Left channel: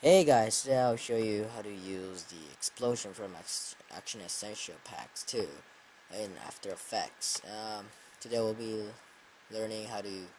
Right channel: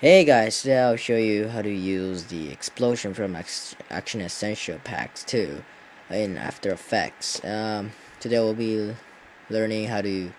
Hey guys, today I'll show you how to use the explosion from Action Essential Packs 2 in After Effects. Today we'll be learning how to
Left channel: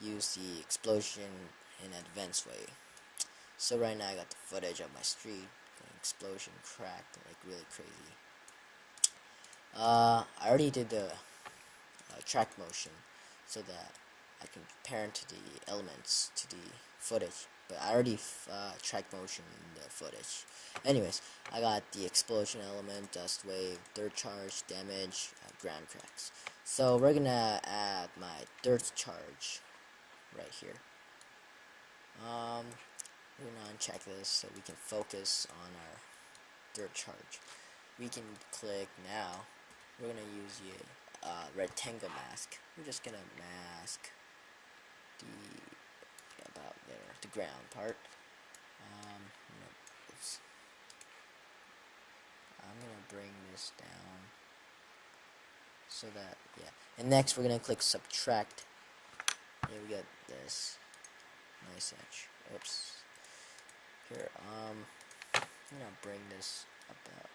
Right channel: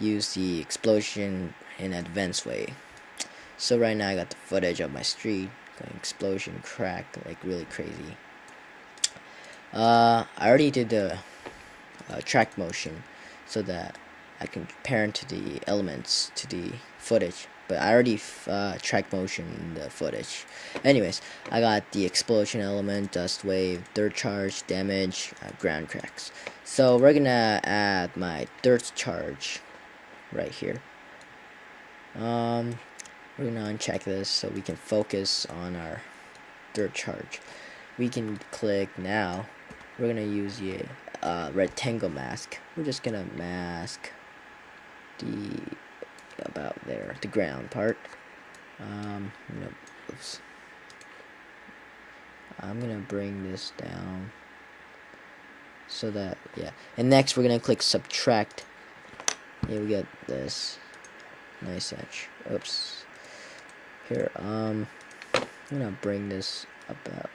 use the explosion in an advanced way. So right now I got the footage of my street going explosion, crack, like really crazy. I already did the track motion so that I can parent to the elements to the footage, but I already track motion in the footage. Anyways, I got the explosion element, dust wave, dirt charge, damage, ground cracks. So we're gonna add my dirt charge right here. We're gonna uncheck this so we can focus on our dirt charge. We can click now. We're gonna use the rectangle mask. We're just gonna mask the about there, the ground part. Oops. I'm gonna bring this down so that and next we're gonna click subtract. Here we get this nice edge. Oops. Here, I'm gonna bring this about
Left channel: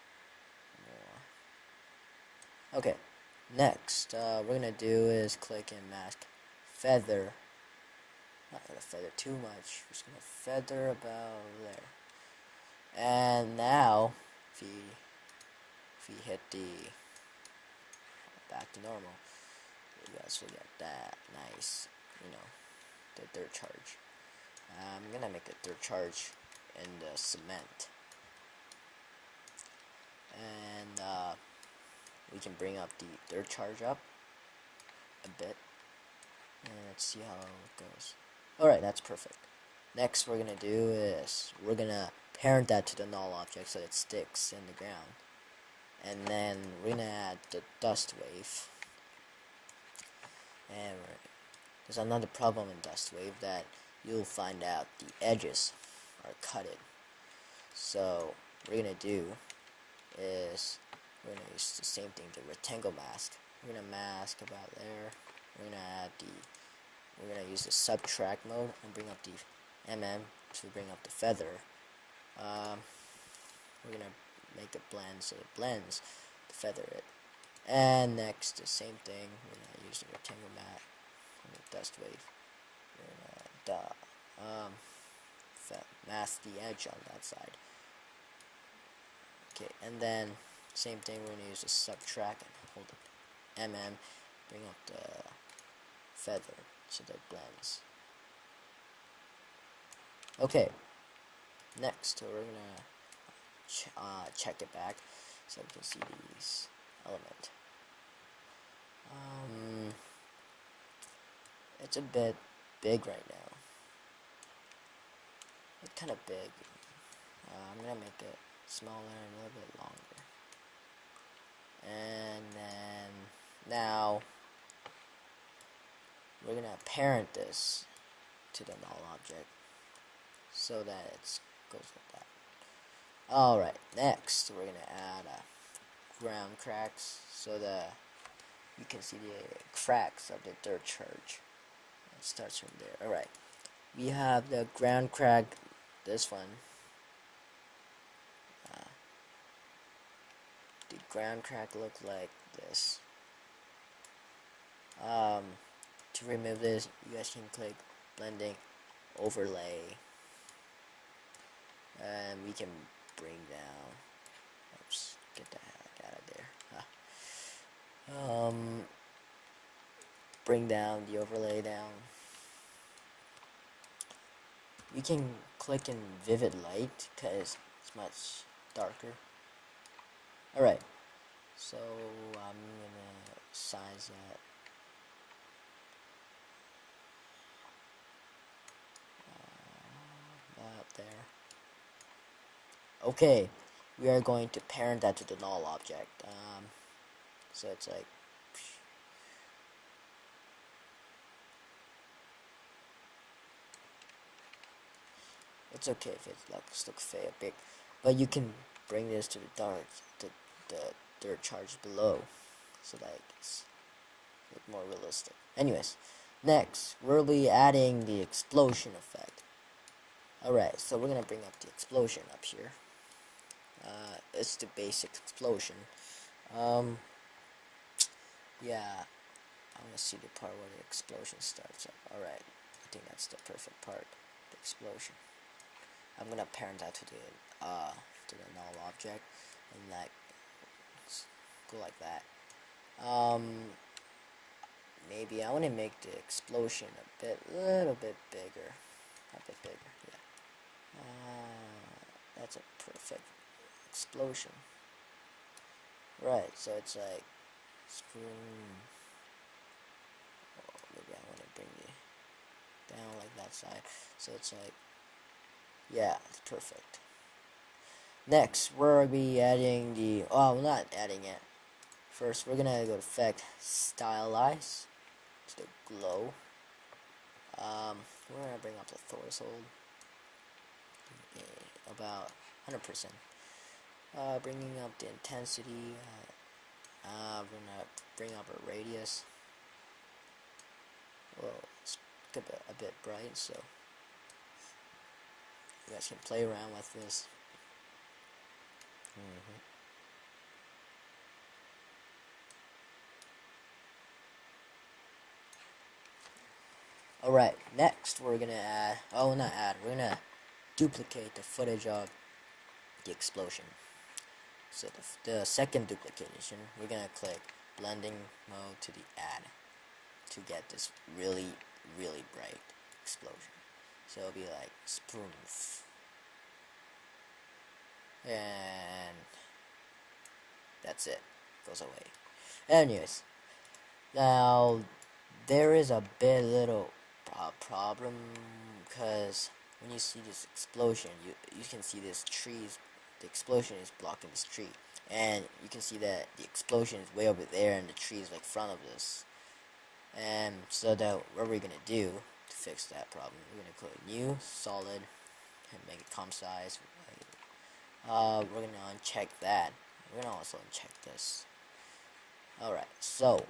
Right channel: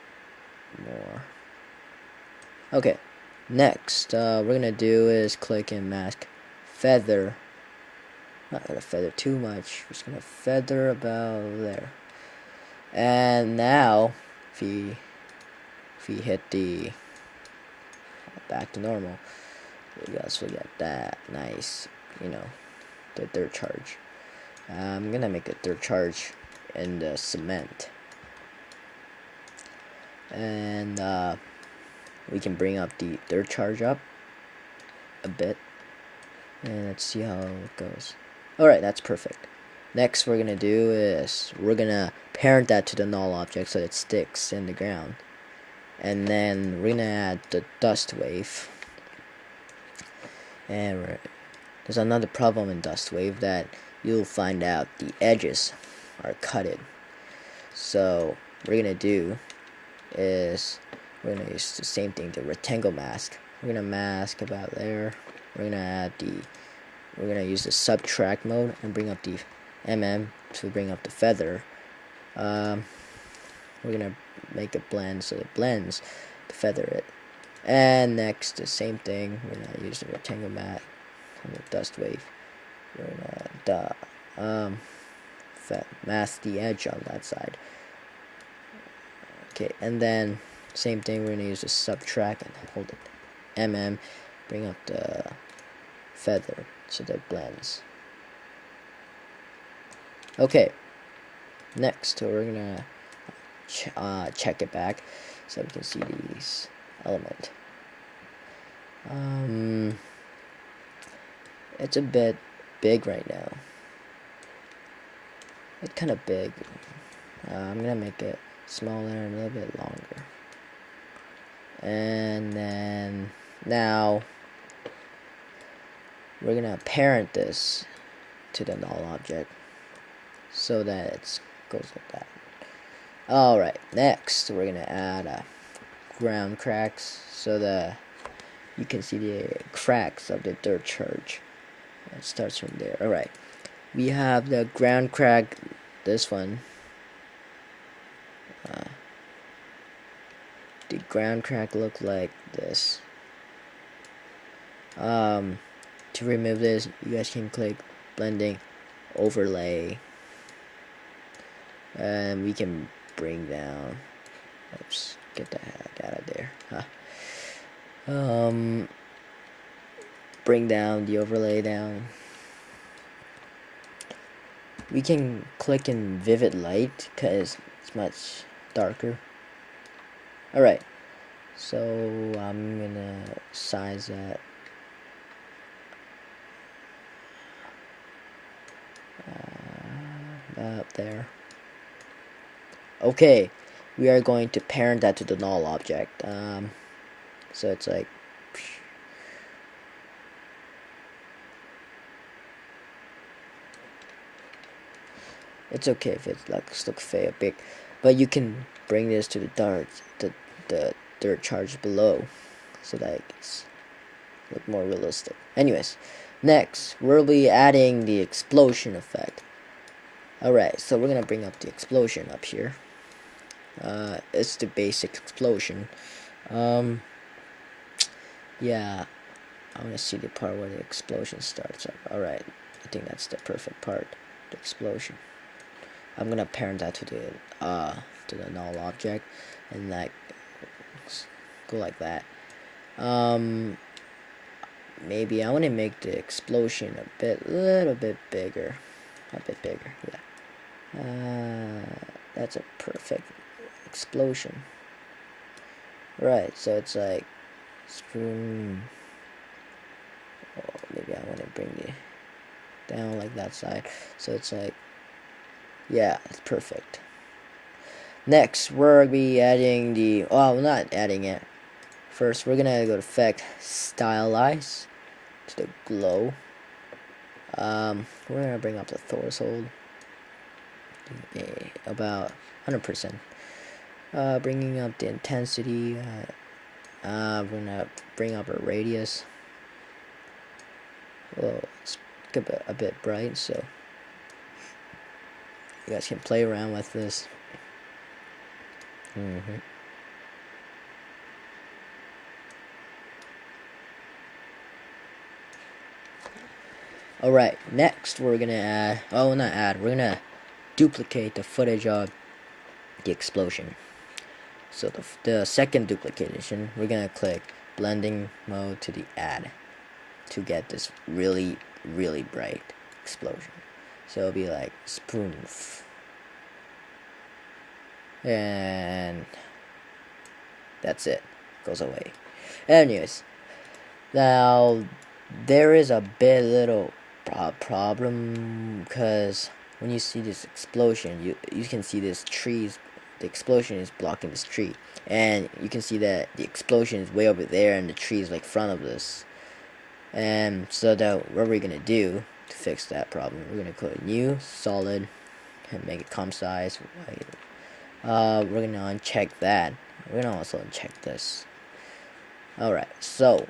more. Okay, next we're gonna do is click and mask feather. Not gonna feather too much, just gonna feather about there. And now if we hit the back to normal, we got that nice, the dirt charge. I'm gonna make a dirt charge in the cement, and we can bring up the dirt charge up a bit, and let's see how it goes. Alright, that's perfect. Next we're gonna do is we're gonna parent that to the null object so it sticks in the ground, and then we're gonna add the dust wave. And there's another problem in dust wave that you'll find out the edges are cutted. So what we're gonna do is we're gonna use the same thing, the rectangle mask. We're gonna mask about there. We're gonna use the subtract mode and bring up the to bring up the feather. We're gonna make a blend so it blends to feather it. And next, the same thing. We're gonna use the rectangle mat and the dust wave. We're gonna mask the edge on that side. Okay, and then same thing. We're gonna use the subtract and hold it. Bring up the feather so that it blends. Okay, next we're gonna check it back so we can see these element. It's a bit big right now. It's kind of big. I'm gonna make it smaller and a little bit longer. And then now we're gonna parent this to the null object so that it goes like that. Alright, next we're gonna add ground cracks so that you can see the cracks of the dirt charge. It starts from there. Alright, we have the ground crack, this one. The ground crack look like this. To remove this, you guys can click blending, overlay, and we can bring down. Oops, get the heck out of there. Bring down the overlay down. We can click in vivid light because it's much darker. Alright, so I'm gonna size that about there. Okay, we are going to parent that to the null object. So it's like it's okay if it looks fake, big, but you can bring this to the dirt charge below so that it's look more realistic. Anyways, next we'll be adding the explosion effect. Alright, so we're gonna bring up the explosion up here. It's the basic explosion. Yeah, I want to see the part where the explosion starts up. Alright, I think that's the perfect part, the explosion. I'm gonna parent that to the null object, and like go like that. Maybe I want to make the explosion little bit bigger, a bit bigger. Yeah, that's a perfect explosion. Right, so it's like screw. Oh, maybe I want to bring it down like that side, so it's like, yeah, it's perfect. Next, we're gonna be adding the, well, not adding it. First, we're gonna go to Effect, Stylize, to the glow. We're gonna bring up the threshold, about 100%. Bringing up the intensity. We're gonna bring up our radius. Well, it's a bit bright, so you guys can play around with this. Alright, next we're gonna add, oh, not add, we're gonna duplicate the footage of the explosion. So the second duplication, we're gonna click blending mode to the add to get this really, really bright explosion. So it'll be like spoof. And that's it. Goes away. Anyways, now there is a bit little problem, because when you see this explosion, you can see this trees. The explosion is blocking this tree, and you can see that the explosion is way over there, and the tree is like front of this. And so that what we're gonna do to fix that problem, we're gonna click new solid and make it comp size. We're gonna uncheck that. We're gonna also uncheck this. Alright, so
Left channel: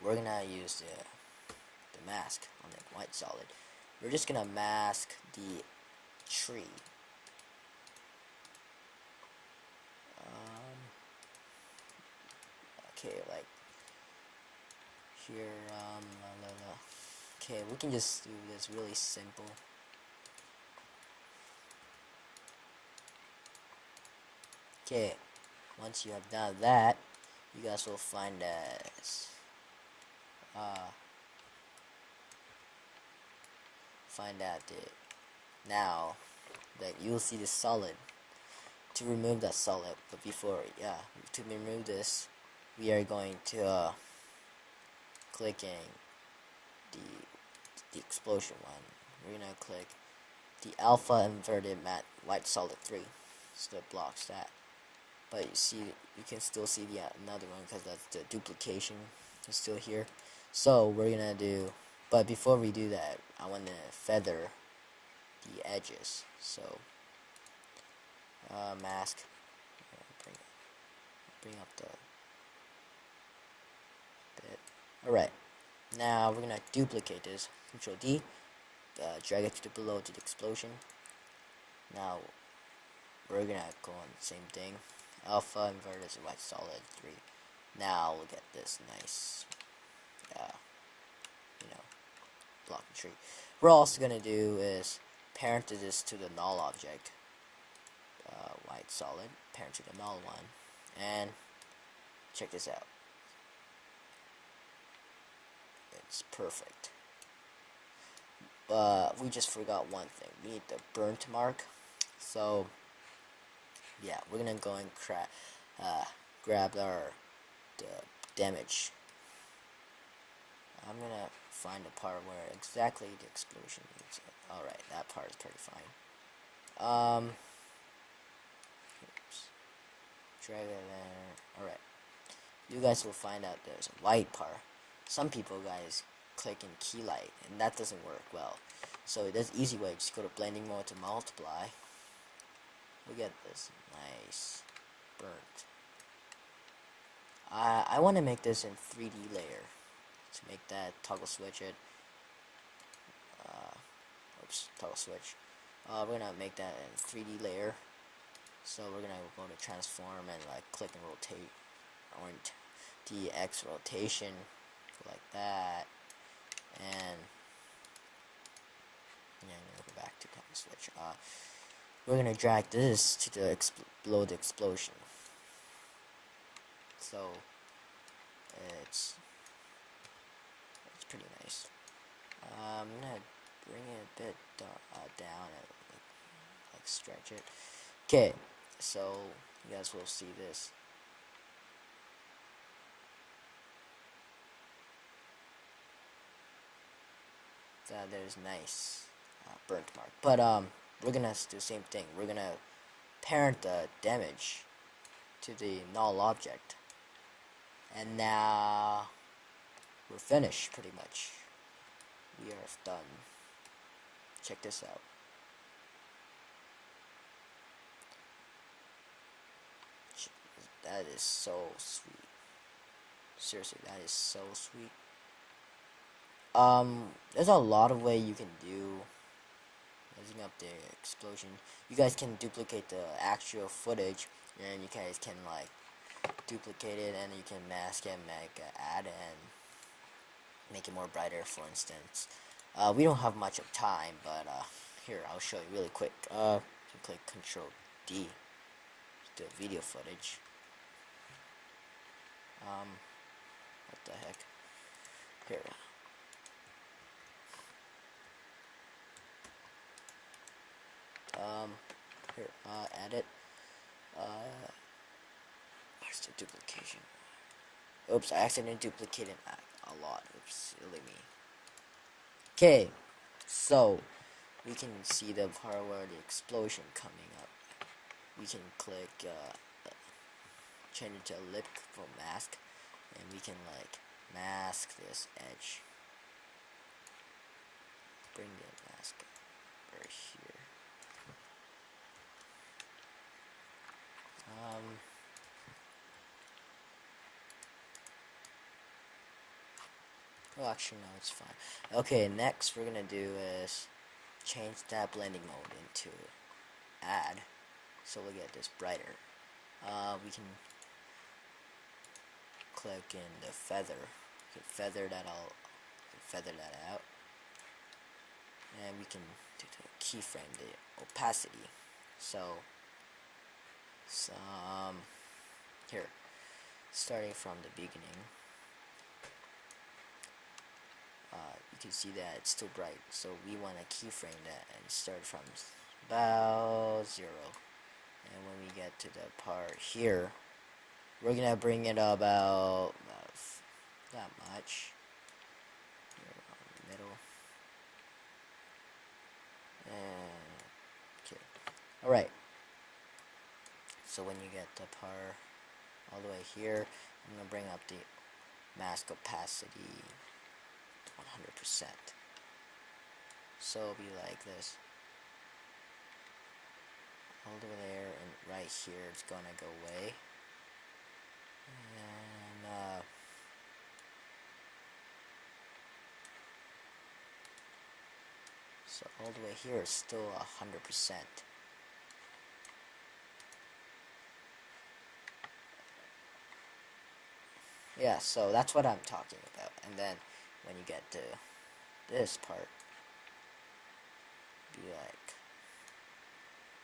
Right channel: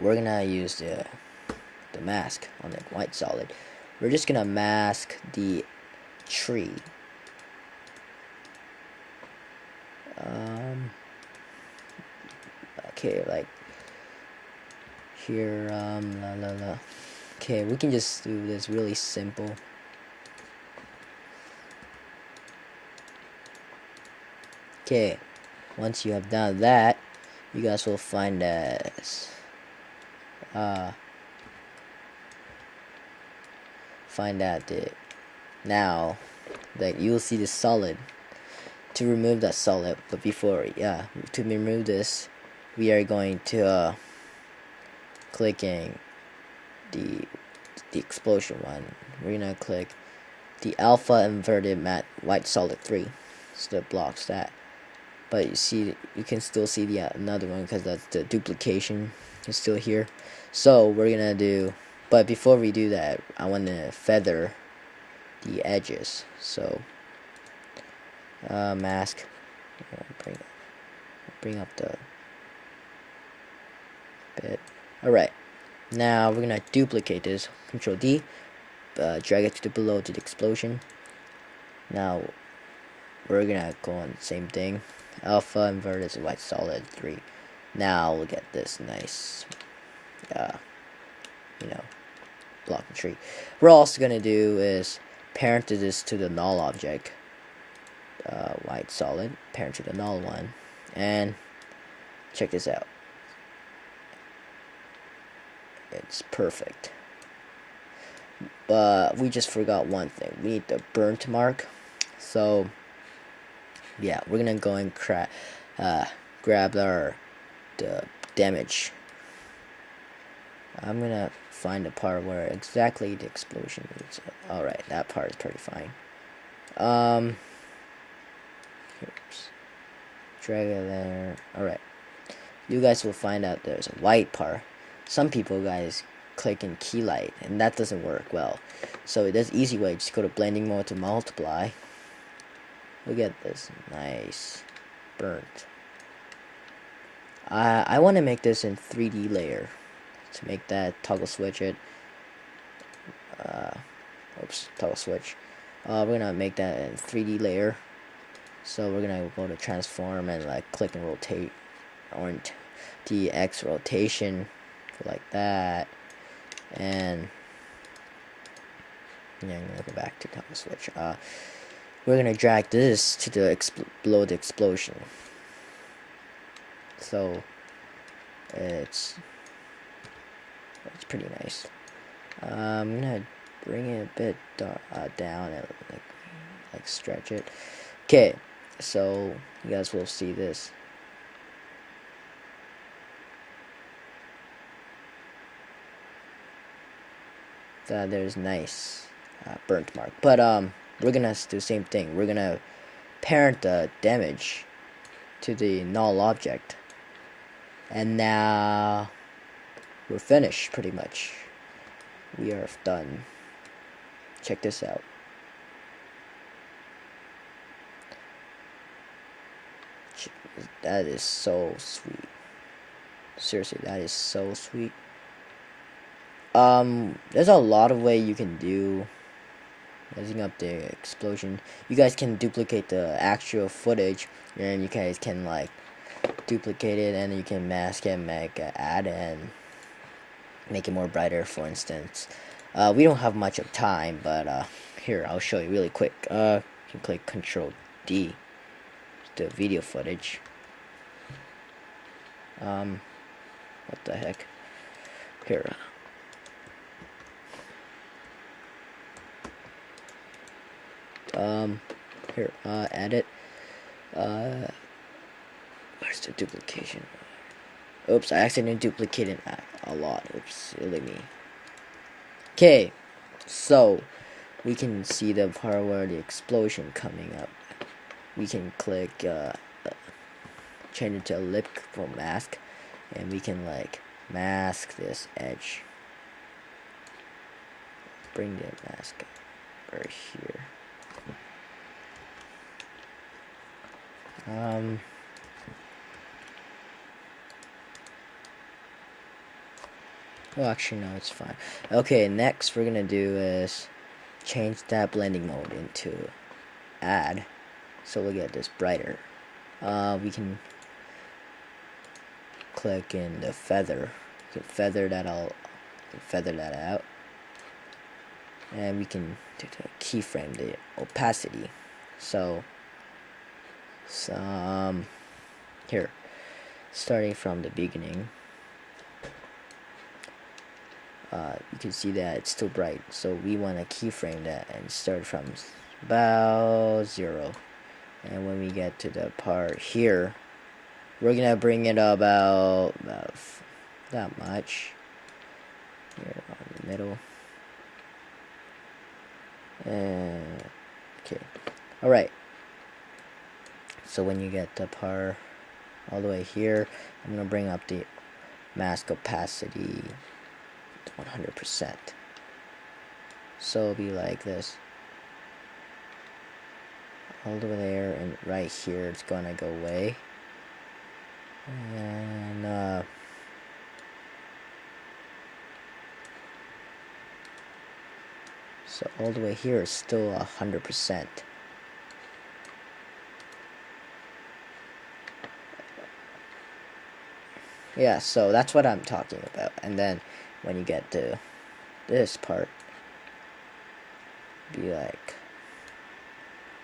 we're gonna use the mask on the white solid. We're just gonna mask the tree. Okay, like here, Okay, we can just do this really simple. Okay, once you have done that, you guys will find this. Find that now that you'll see the solid. To remove that solid, but before, to remove this, we are going to clicking the explosion one. We're gonna click the alpha inverted matte white solid 3, so that blocks that. But you can still see the another one, because that's the duplication is still here. So we're gonna do, but before we do that, I want to feather the edges. So mask, bring up the bit. Alright, now we're gonna duplicate this. Control D, drag it to the below to the explosion. Now we're gonna go on the same thing, alpha inverted white solid 3. Now we'll get this nice, blocking tree. We're also gonna do is parent this to the null object, white solid, parent to the null one, and check this out. It's perfect. But we just forgot one thing. We need the burnt mark. So yeah, we're gonna go and grab the damage. I'm gonna find the part where exactly the explosion is. Alright, that part is pretty fine. Drag it there. Alright, you guys will find out there's a white part. Some people guys click in key light, and that doesn't work well. So there's easy way. Just go to blending mode to multiply. Look at this nice burnt. I want to make this in 3D layer to make that toggle switch it. Oops, toggle switch. We're gonna make that in 3D layer. So we're gonna go to transform and like click and rotate, or DX rotation, like that, and yeah, I'm gonna go back to toggle switch. We're gonna drag this to the below the explosion. So it's pretty nice. I'm gonna bring it a bit down and like stretch it. Okay, so you guys will see this. There's nice burnt mark, but we're gonna do the same thing. We're gonna parent the damage to the null object, and now we're finished pretty much. We are done. Check this out. That is so sweet. Seriously, that is so sweet. There's a lot of way you can do raising up the explosion. You guys can duplicate the actual footage, and you guys can like duplicate it, and you can mask it, make an add, and make it more brighter, for instance. We don't have much of time, but here, I'll show you really quick. You can click Control D, the video footage. What the heck? Here. Here, edit. Where's the duplication? Oops, I accidentally duplicated a lot. Oops, silly me. Okay, so we can see the part where the explosion coming up. We can click change it to elliptical mask, and we can like mask this edge. Bring the mask right here. Oh, actually, no, it's fine. Okay, next we're gonna do is change that blending mode into add, so we'll get this brighter. We can click in the feather. We can feather that out, and we can do the keyframe the opacity. So here, starting from the beginning, you can see that it's still bright, so we want to keyframe that and start from about 0, and when we get to the part here, we're gonna bring it about that much here on the middle. And okay, alright, so when you get the part all the way here, I'm gonna bring up the mask opacity to 100%, so it'll be like this all the way there, and right here it's gonna go away, and so all the way here is still 100%. Yeah, so that's what I'm talking about. And then when you get to this part, be like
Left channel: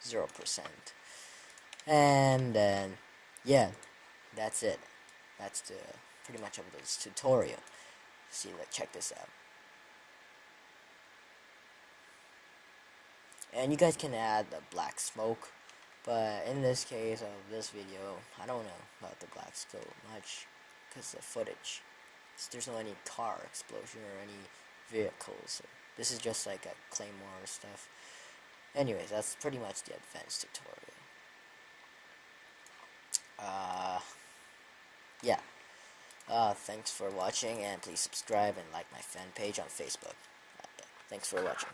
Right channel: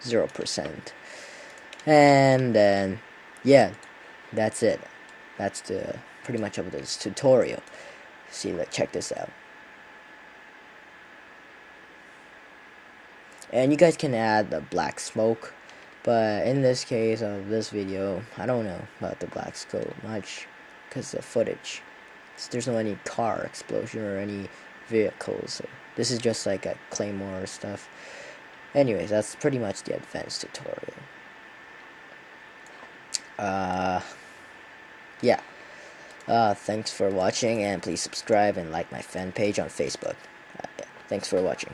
0%. And then yeah, that's it. That's the pretty much of this tutorial. See, like, check this out. And you guys can add the black smoke, but in this case of this video, I don't know about the black smoke much, because the footage, there's no any car explosion or any vehicles, so this is just like a claymore stuff. Anyways, that's pretty much the advanced tutorial. Yeah, thanks for watching, and please subscribe and like my fan page on Facebook. Thanks for watching.